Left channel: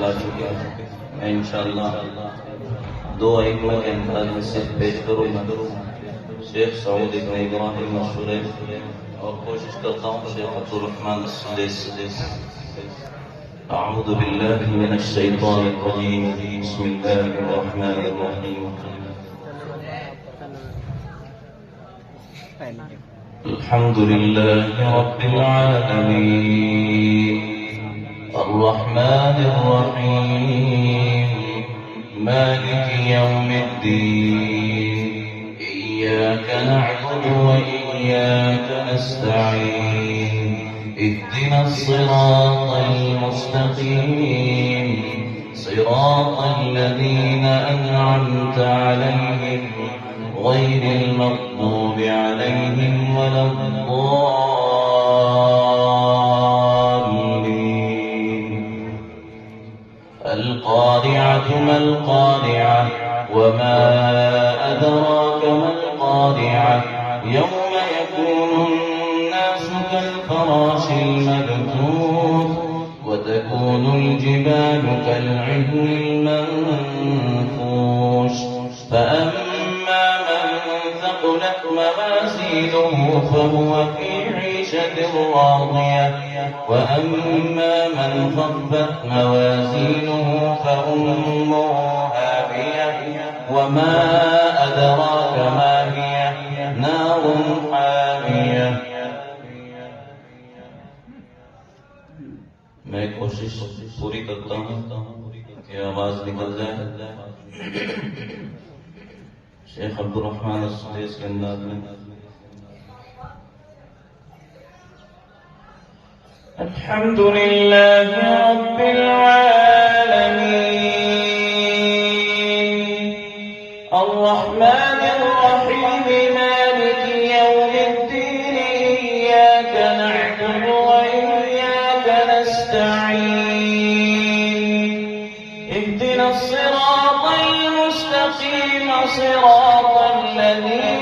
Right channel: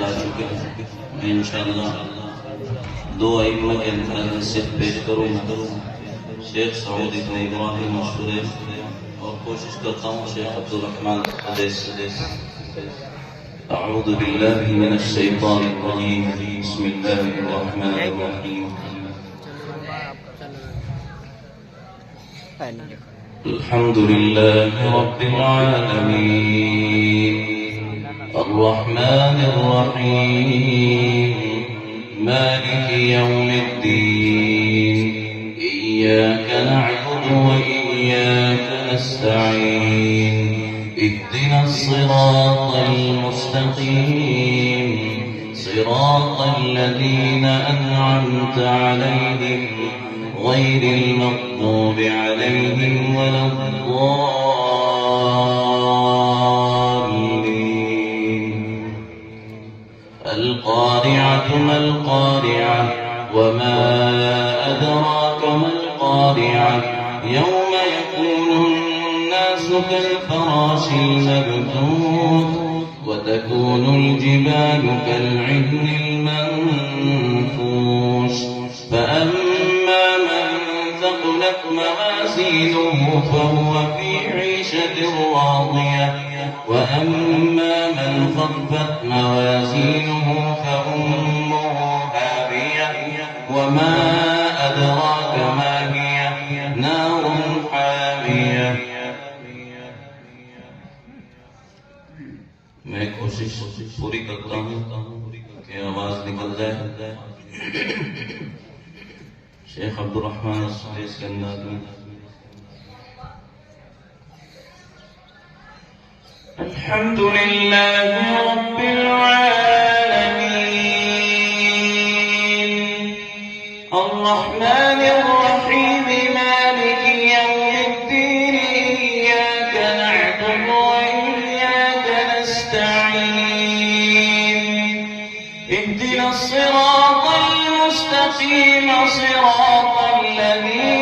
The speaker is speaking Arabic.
ला चुके हैं। मैं इंशाअल्लाह दो आइटों के अंदर सिर्फ पेश करूँगा। शेख सऊद इब्न इब्राहिम मशहूर और कोशिश करता हूँ शेख अब्दुल रहमान सुदैस। अऊज़ु बिल्लाहि मिनश शैतानिर रजीम। बिस्मिल्लाहिर रहमानिर रहीम। अल्हम्दुलिल्लाहि रब्बिल आलमीन अर्रहमानिर रहीम मालिकि यौमिद्दीन इय्याका नअबुदु व इय्याका नस्तईन इहदिनस सिरातल मुस्तकीम सिरातल लज़ीना अनअमता अलैहिम गैरिल मग़्दूबि अलैहिम वलद्दाल्लीन। القارعة ما القارعة وما أدراك ما القارعة يوم يكون الناس كالفراش المبثوث وتكون الجبال كالعهن المنفوش فأما من ثقلت موازينه فهو في عيشة راضية وأما من خفت موازينه فأمه هاوية وما أدراك ما هي نار حامية। मैं कोशिश पूरी करता हूँ कि आवाज निकल जाए। शेख अब्दुल रहमान सुदैस के अंदाज में अल्हम्दुलिल्लाहि रब्बिल आलमीन अर्रहमानिर रहीम मालिकि यौमिद्दीन इय्याका नअबुदु व इय्याका नस्तईन इहदिनस सिरातल मुस्तकीम सिरातल लज़ीना